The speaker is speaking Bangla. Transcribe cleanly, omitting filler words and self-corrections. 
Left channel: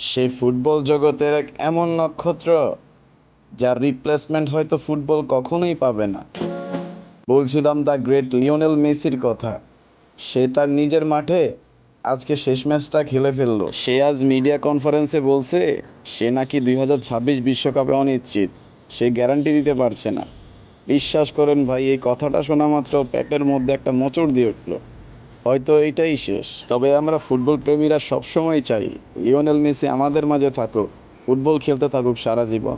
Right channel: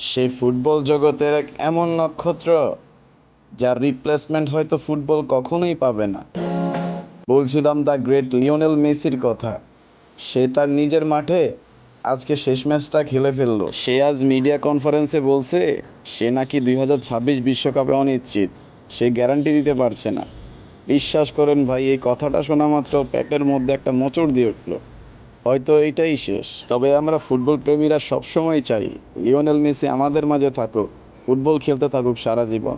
সেই ফুটবল জগতের এক এমন নক্ষত্র যার রিপ্লেসমেন্ট হয়তো ফুটবল কখনোই পাবে না। বলছিলাম দ্য গ্রেট লিওনেল মেসির কথা। সে তার নিজের মাঠে আজকে শেষ ম্যাচটা খেলে ফেললো। সে আজ মিডিয়া কনফারেন্সে বলছে সে নাকি 2026 বিশ্বকাপে অনিশ্চিত, সে গ্যারান্টি দিতে পারছে না। বিশ্বাস করেন ভাই, এই কথাটা শোনা মাত্র পেটের মধ্যে একটা মোচড় দিয়ে উঠলো। হয়তো এইটাই শেষ, তবে আমরা ফুটবল প্রেমীরা সবসময় চাই লিওনেল মেসি আমাদের মাঝে থাকুক, ফুটবল খেলতে থাকুক সারা জীবন।